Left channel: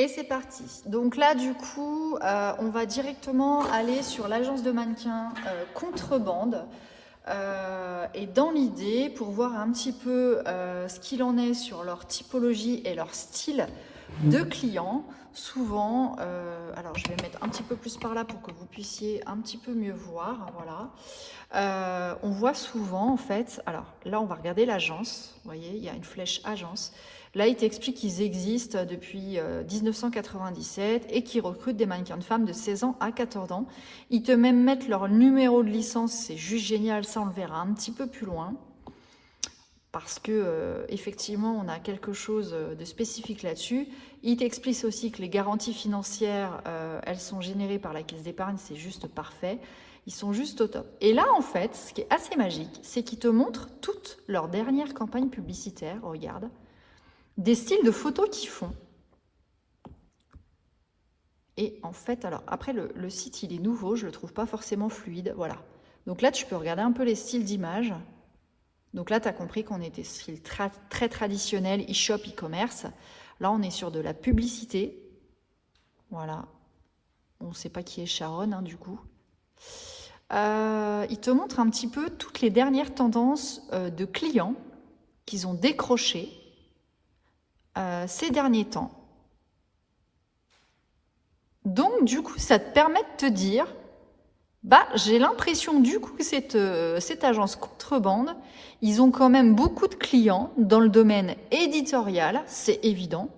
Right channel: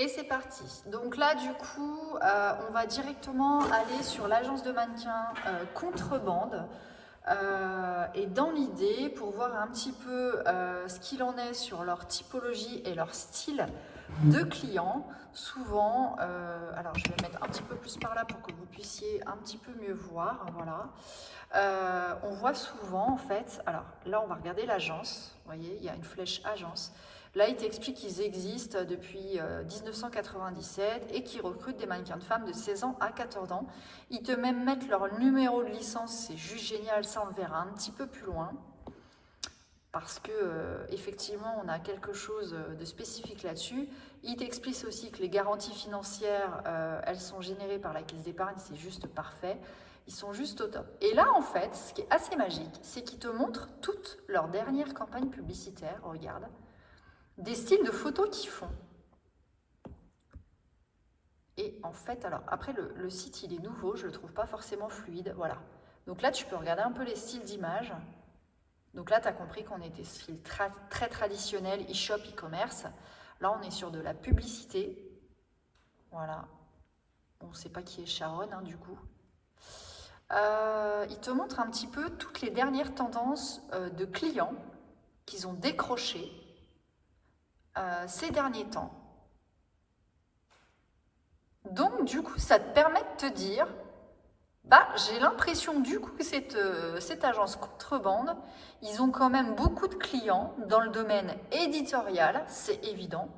Et c'est parti. Donc là, du coup, on va directement aller sur l'agence de mannequins Contrebande. Et dans l'idée, pour voir un petit peu ce qu'il en est sur leur typologie et leur style de clients, souvent, alors je vais mettre un petit peu plus par là pour que vous puissiez un petit peu mieux voir, voilà. On voit souvent en fait, alors là on va regarder l'agence, vous voyez, il y a une flèche agence. Là, il t'explique qu'ils existent depuis 1997 et qu'ils recrutent des mannequins de femmes de 16 ans à 14 ans. Ils te même mettent leur numéro de licence, c'est juste génial, ça on le verra un petit peu plus loin. Parce que effectivement, on a quelque chose de spécifique là-dessus. Il t'explique aussi que les garanties financières, elles sont générées par la caisse d'épargne, c'est juste parfait. Ils sont juste au top. Et là, en fait, ce qui est assez magique, c'est qu'ils te montrent toutes leurs dernières campagnes publicitaires. Regarde. Des styles de photos qu'ils font. Et en fait, alors après le site il est nouveau, je le trouve pas forcément fluide, voilà. Donc là tu peux regarder un peu les styles d'images. Donc là tu as compris qu'on était style très traditionnel, e-shop, e-commerce. Là on est sur de la publicité. Voilà. On ne sait pas qui est Sharon du coup. Il te montre un petit peu toutes les dernières tendances de clients qu'ils ont décrochées ces derniers temps. Donc, du coup, ça te permet de te dire, bah, j'ai l'impression, du coup, que cette agence Contrebande, ils ont quand même beaucoup de clients dans le domaine éditorial, c'est évident.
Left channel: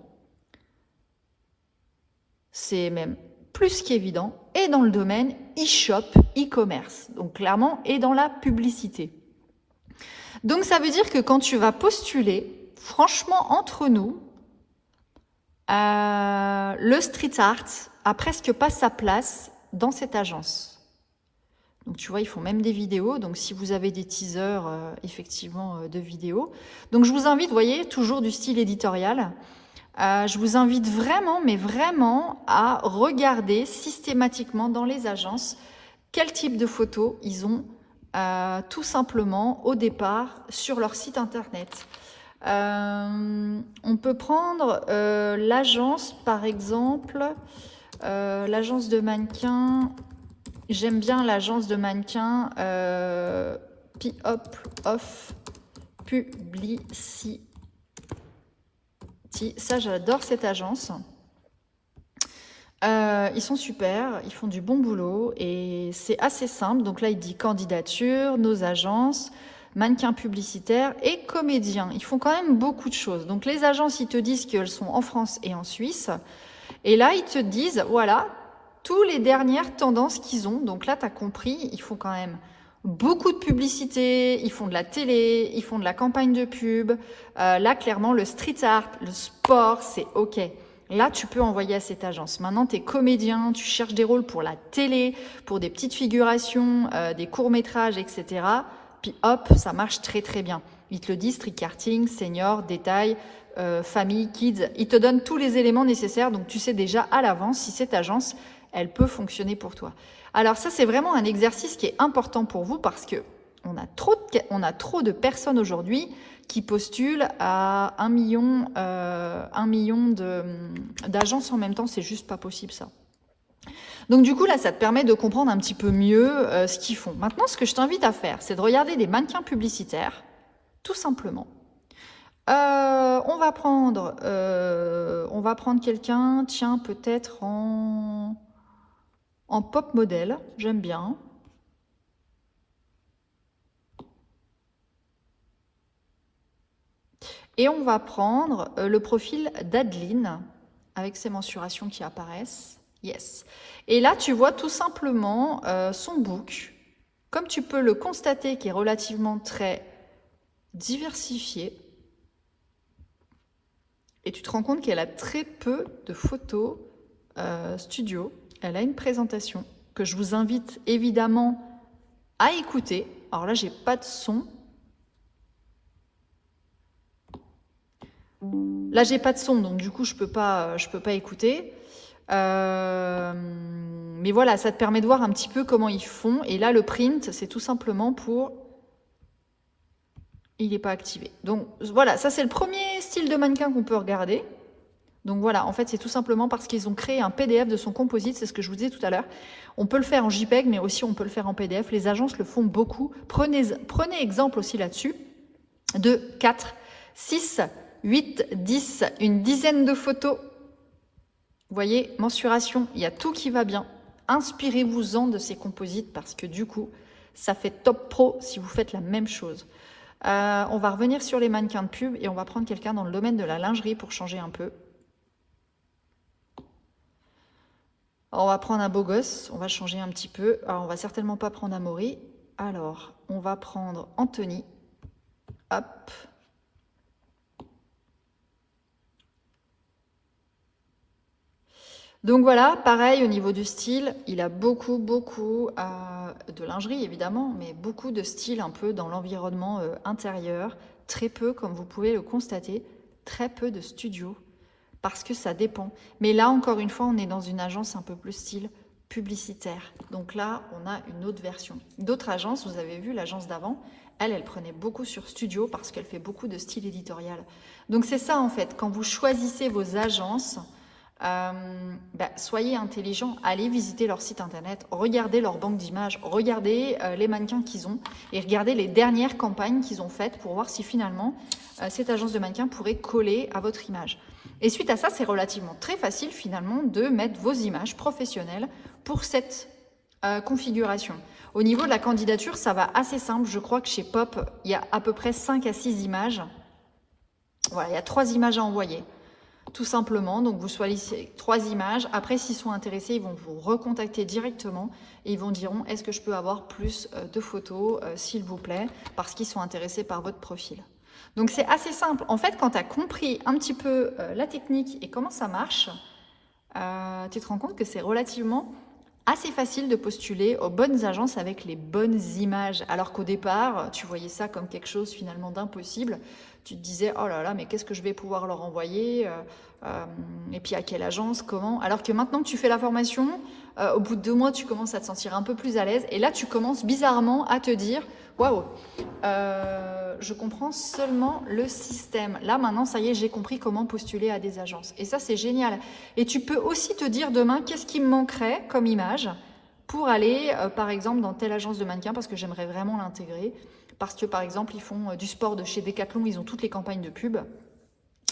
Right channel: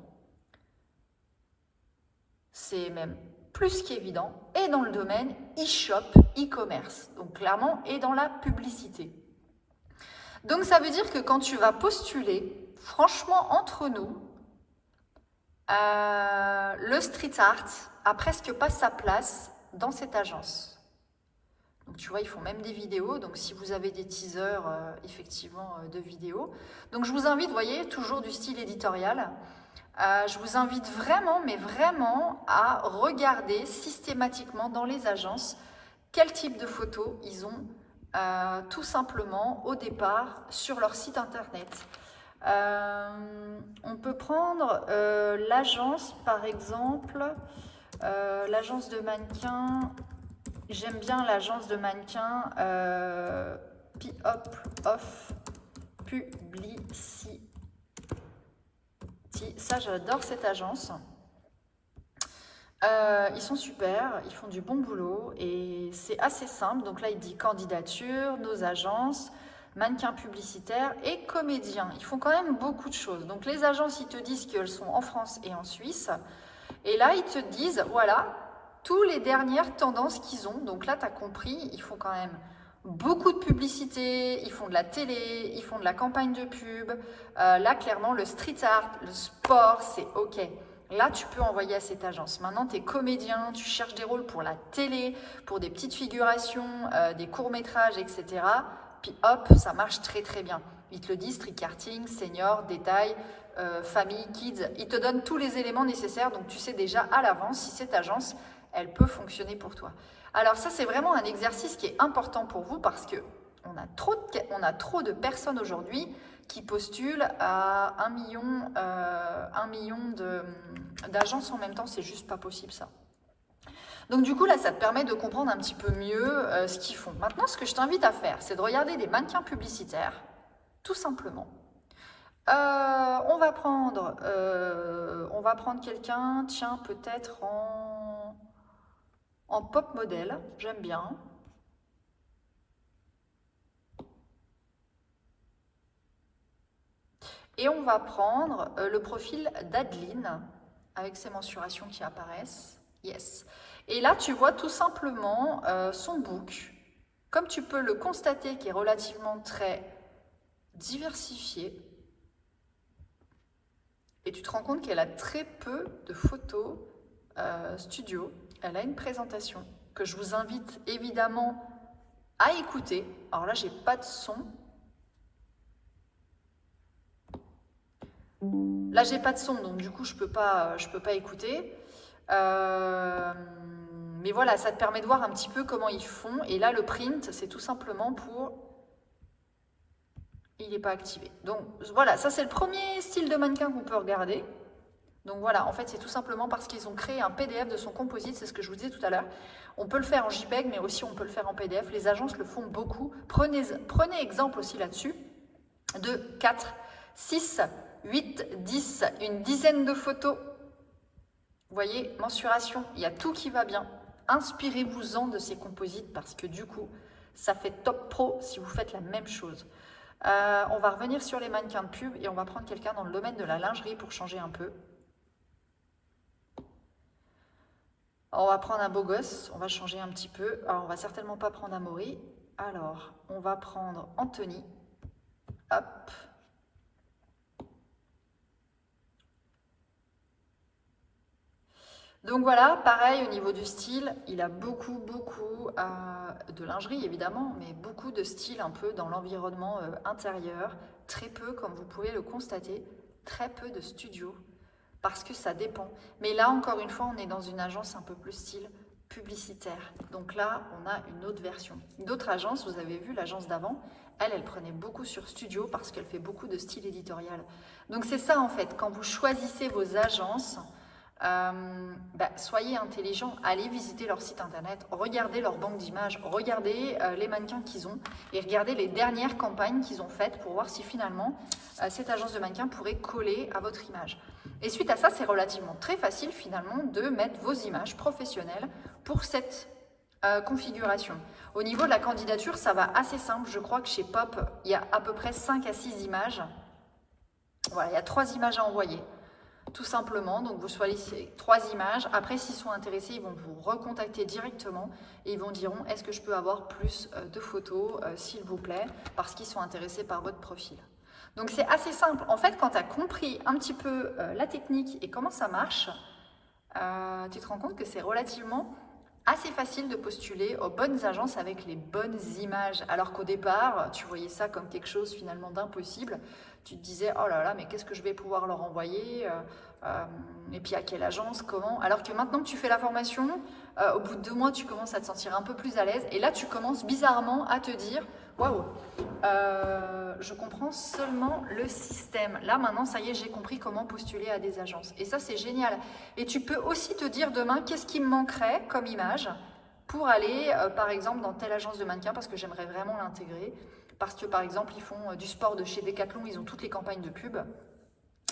C'est même plus qu'évident. Et dans le domaine e-shop, e-commerce. Donc, clairement, et dans la publicité. Donc, ça veut dire que quand tu vas postuler, franchement, entre nous, le street art a presque pas sa place dans cette agence. Donc tu vois, ils font même des vidéos. Donc si vous avez des teasers, effectivement, de vidéos. Donc je vous invite, vous voyez, toujours du style éditorial. Je vous invite vraiment, mais vraiment, à regarder systématiquement dans les agences quel type de photos ils ont tout simplement au départ sur leur site internet. On peut prendre l'agence, par exemple, l'agence de mannequins. J'aime bien l'agence de mannequins P-Hop of Publicity. Ça, j'adore cette agence. Ils sont super, ils font du bon boulot et c'est assez simple. Donc là, il dit candidature, nos agences, mannequins publicitaires et comédiens. Ils font quand même beaucoup de choses. Donc les agences, ils te disent qu'elles sont en France et en Suisse. Et là, ils te disent, voilà, toutes les dernières tendances qu'ils ont. Donc là, tu as compris, ils font quand même beaucoup de publicité, ils font de la télé, ils font de la campagne de pub. Là, clairement, le street art, le sport, c'est OK. Là, tu peux envoyer à cette agence. Maintenant, tu es comédien, tu cherches des rôles pour la télé, pour des petites figurations, des courts-métrages, etc. Puis hop, ça marche très très bien. Ils te le disent, street karting, senior, détail, famille, kids. Ils te donnent tous les éléments nécessaires, donc tu sais déjà à l'avance si cette agence, elle peut fonctionner pour toi. Alors ça, c'est vraiment un exercice qui est important pour vous parce que on a trop de personnes aujourd'hui qui postulent à 1 million d'agences en même temps. C'est juste pas possible ça. Donc du coup, là, ça te permet de comprendre un petit peu mieux ce qu'ils font. Maintenant, ce que je t'invite à faire, c'est de regarder des mannequins publicitaires, tout simplement. On va prendre quelqu'un, tiens, peut-être en pop modèle, j'aime bien. Et on va prendre le profil d'Adeline, avec ses mensurations qui apparaissent. Yes. Et là, tu vois tout simplement son book, comme tu peux le constater, qui est relativement très diversifié. Et tu te rends compte qu'elle a très peu de photos studio. Elle a une présentation que je vous invite évidemment à écouter. Alors là, j'ai pas de son. Là, j'ai pas de son, donc du coup, je peux pas écouter. Mais voilà, ça te permet de voir un petit peu comment ils font. Et là, le print, c'est tout simplement pour... Il n'est pas activé. Donc voilà, ça c'est le premier style de mannequin qu'on peut regarder. Donc voilà, en fait, c'est tout simplement parce qu'ils ont créé un PDF de son composite, c'est ce que je vous disais tout à l'heure. On peut le faire en JPEG, mais aussi on peut le faire en PDF. Les agences le font beaucoup. Prenez exemple aussi là-dessus de 4, 6, 8, 10, une dizaine de photos. Vous voyez, mensuration, il y a tout qui va bien. Inspirez-vous-en de ces composites parce que du coup, ça fait top pro si vous faites la même chose. On va revenir sur les mannequins de pub et on va prendre quelqu'un dans le domaine de la lingerie pour changer un peu. On va prendre un beau gosse, on va changer un petit peu. Alors, on va certainement pas prendre Amaury. Alors, on va prendre Anthony. Hop. Donc voilà, pareil au niveau du style, il a beaucoup de lingerie évidemment, mais beaucoup de style un peu dans l'environnement intérieur. Très peu, comme vous pouvez le constater, très peu de studio. Parce que ça dépend. Mais là, encore une fois, on est dans une agence un peu plus style publicitaire. Donc là, on a une autre version. D'autres agences, vous avez vu l'agence d'avant, elle prenait beaucoup sur studio parce qu'elle fait beaucoup de style éditorial. Donc c'est ça en fait, quand vous choisissez vos agences, soyez intelligents, allez visiter leur site internet, regardez leur banque d'images, regardez les mannequins qu'ils ont et regardez les dernières campagnes qu'ils ont faites pour voir si finalement cette agence de mannequins pourrait coller à votre image. Et suite à ça, c'est relativement très facile finalement de mettre vos images professionnelles pour cette configuration. Au niveau de la candidature, ça va assez simple. Je crois que chez Pop, il y a à peu près 5 à 6 images. Voilà, il y a 3 images à envoyer. Tout simplement, donc vous choisissez 3 images. Après, s'ils sont intéressés, ils vont vous recontacter directement et ils vont dire est-ce que je peux avoir plus de photos, s'il vous plaît, parce qu'ils sont intéressés par votre profil. Donc c'est assez simple. En fait, quand tu as compris un petit peu la technique et comment ça marche, tu te rends compte que c'est relativement assez facile de postuler aux bonnes agences avec les bonnes images. Alors qu'au départ, tu voyais ça comme quelque chose finalement d'impossible. Tu te disais, oh là là, mais qu'est-ce que je vais pouvoir leur envoyer et puis à quelle agence, comment. Alors que maintenant que tu fais la formation, au bout de 2 mois, tu commences à te sentir un peu plus à l'aise. Et là, tu commences bizarrement à te dire, waouh, je comprends seulement le système. Là, maintenant, ça y est, j'ai compris comment postuler à des agences. Et ça, c'est génial. Et tu peux aussi te dire demain, qu'est-ce qui me manquerait comme image pour aller, par exemple, dans telle agence de mannequin, parce que j'aimerais vraiment l'intégrer. Parce que, par exemple, ils font du sport de chez Decathlon, ils ont toutes les campagnes de pub.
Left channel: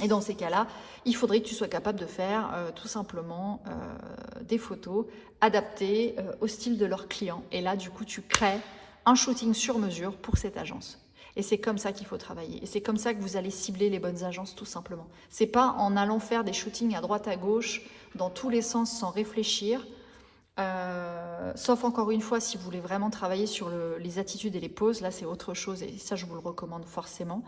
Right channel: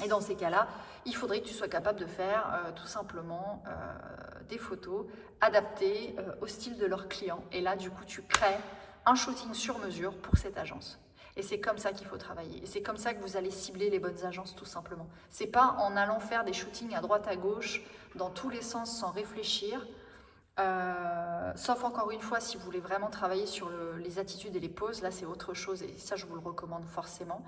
Et dans ces cas-là, il faudrait que tu sois capable de faire tout simplement des photos adaptées au style de leurs clients. Et là, du coup, tu crées un shooting sur mesure pour cette agence. Et c'est comme ça qu'il faut travailler. Et c'est comme ça que vous allez cibler les bonnes agences, tout simplement. C'est pas en allant faire des shootings à droite à gauche, dans tous les sens, sans réfléchir. Sauf encore une fois, si vous voulez vraiment travailler sur les attitudes et les poses, là c'est autre chose. Et ça, je vous le recommande forcément.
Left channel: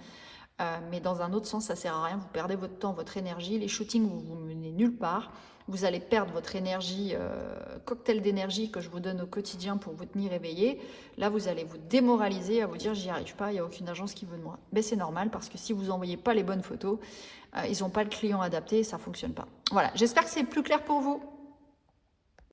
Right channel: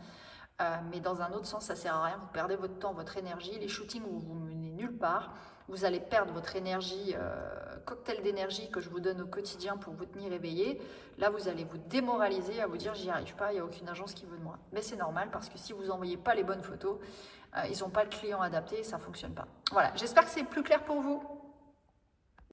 Mais dans un autre sens, ça sert à rien. Vous perdez votre temps, votre énergie. Les shootings, vous vous menez nulle part. Vous allez perdre votre énergie, cocktail d'énergie que je vous donne au quotidien pour vous tenir éveillé. Là, vous allez vous démoraliser à vous dire j'y arrive pas, il n'y a aucune agence qui veut de moi. Mais c'est normal parce que si vous n'envoyez pas les bonnes photos, ils n'ont pas le client adapté et ça ne fonctionne pas. Voilà, j'espère que c'est plus clair pour vous.